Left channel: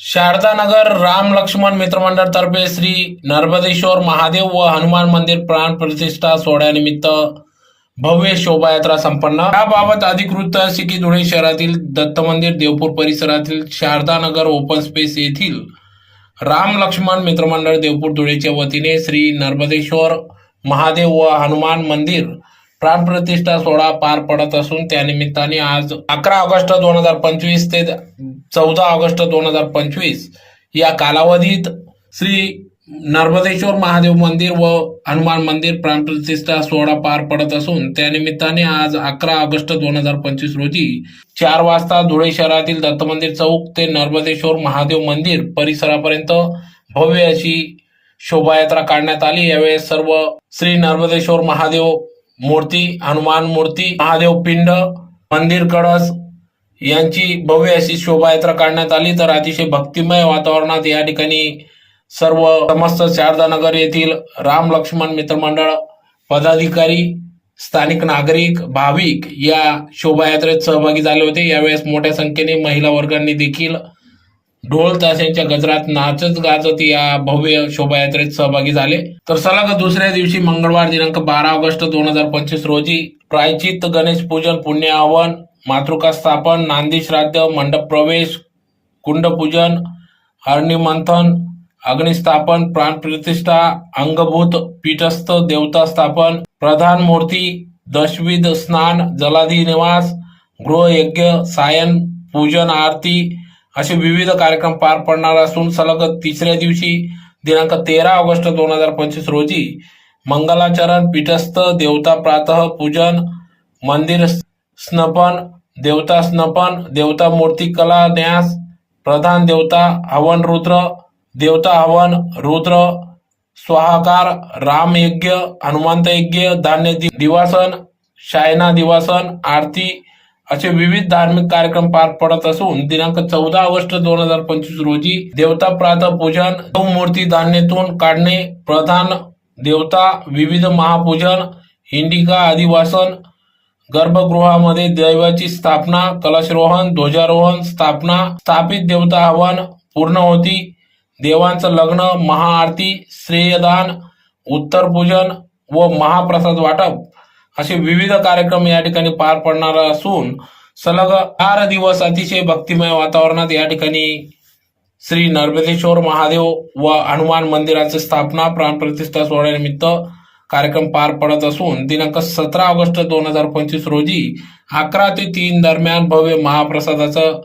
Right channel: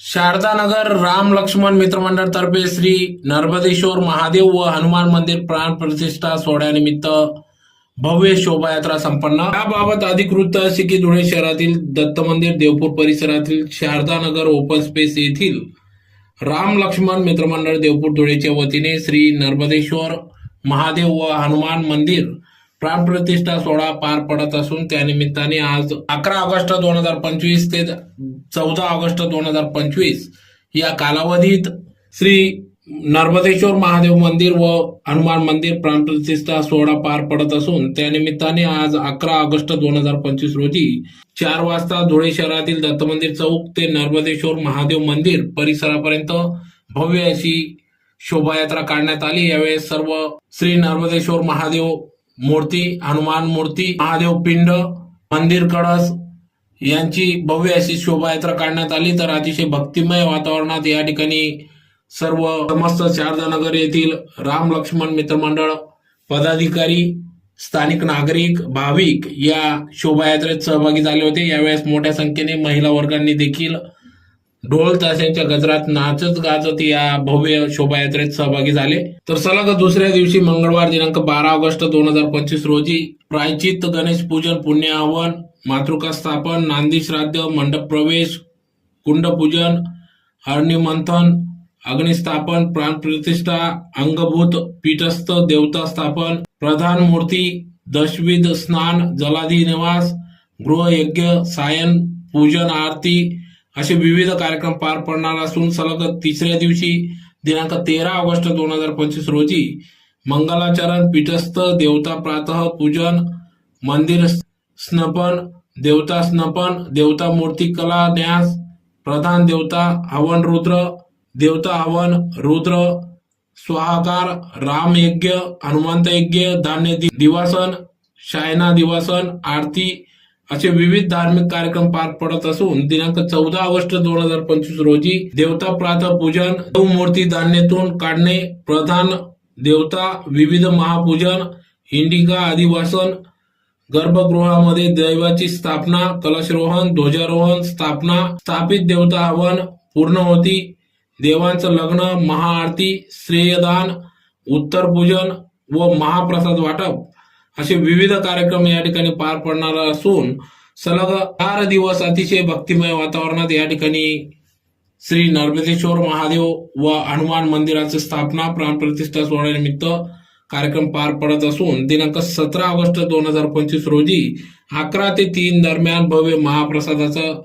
शारदानगर राम लक्ष्मण मित्रमंडळ तर्फे श्री नर्मदेश्वर महादेव व हनुमान मंदिर प्राण प्रतिष्ठा सोहळ्यानिमित्त भव्य शोभायात्रा संपन्न। याबाबत अधिक वृत्त असे की धुळे शहरातील दत्त मंदिर देवपूर परिसरातील शारदानगर ओपन स्पेस येथील राम लक्ष्मण मित्रमंडळ देवपूर धुळेच्या वतीने श्री नर्मदेश्वर महादेव व हनुमान मंदिर प्राण प्रतिष्ठा सोहळा पार पडत असून त्यानिमित्ताने आज 11 ऑगस्ट 2025 ते 14 ऑगस्ट 2025 या कालावधीत श्री नर्मदेश्वर महादेव मंदिर व हनुमान मंदिर प्राण प्रतिष्ठा सोहळा पार पडत असून त्यानिमित्ताने आज 11 ऑगस्ट 2025 रोजी 4 वाजता धुळे शहरातील दत्त मंदिर चौक ते नर्मदेश्वर महादेव मंदिर परिसरापर्यंत भव्य अशी शोभायात्रा काढण्यात आली। यावेळी सर्व श्री नर्मदेश्वर महादेव मूर्ती, हनुमान मूर्ती, महादेव पिंड, मंदिर कळस यांची भव्य अशी शोभायात्रा काढण्यात आली। तर अतिशय भक्तिमय वातावरणात या ठिकाणी सर्व समस्त शारदानगर येथील राम लक्ष्मण मित्रमंडळ पदाधिकारी, स्थानिक नागरिक, भाविक या शोभायात्रेत सहभागी झाले होते। यावेळेस मोठ्या संख्येने महिला वर्गांनी देखील ढोल ताशांच्या गजरात नाचत गाजत या भव्य शोभायात्रेत सहभागी झाले। तर सलग दुसऱ्या दिवशी मंगळवार दिनांक 12 ऑगस्ट 2025 रोजी प्रायचित्त, गणेश पूजन, पुण्य आवाहन, मातृका स्थापन, नांदी श्राद्ध, मंडप प्रवेश, कुंड पूजन, हरणी मंथन, अग्निस्थापन, प्राण प्रतिष्ठा, अंगभूत पीठस्थ देवता स्थापन, प्रधान मूर्ती, दशविध स्नान, जलाधी निवास, गृहयज्ञ, सायन पूजन, आरती असे विविध कार्यक्रम पार पडणार असून सलग तिसऱ्या दिवशी दिनांक 13 ऑगस्ट 2025 रोजी मंगलाचरण, पीठस्थ देवता प्रातः पूजन, मंदिर स्नपन, देवता स्नपन, देवता मूर्ती कला न्यास, प्रधान देवता हवन रुद्र, देवता हवन रुद्र स्वाहाकार, राम यज्ञ, हनुमंत यज्ञ, धान्य दिवासन, शायना दिवासन, आरती असे विविध धार्मिक कार्यक्रम पार पडत असून दिनांक 14 ऑगस्ट 2025 रोजी देवता प्रातः पूजन, मूर्ती धान्यातून काढणे, प्रधान देवता विविध महापूजन, हिंडिका अधिवासन, गर्भगृहामध्ये दैवाची स्थापना, कलशरोहण, ध्वजारोहण, स्थापना, स्थापित देवता हवन, पूर्णाहुती, देवांचं लग्न, महाआरती, श्रेयदान, उत्तर पूजन व महाप्रसाद वाटप असे विविध कार्यक्रम या ठिकाणी पार पडणार असून सलग 4 दिवस अतिशय भक्तिमय वातावरणात या ठिकाणी श्री नर्मदेश्वर महादेव व हनुमान मंदिराची स्थापना प्राण प्रतिष्ठा सोहळ्यानिमित्त कार्यक्रम पार पडत असून दिनांक 17 ऑगस्ट 2025 रोजी 11 ते 3 दरम्यान भव्य महाप्रसादाचं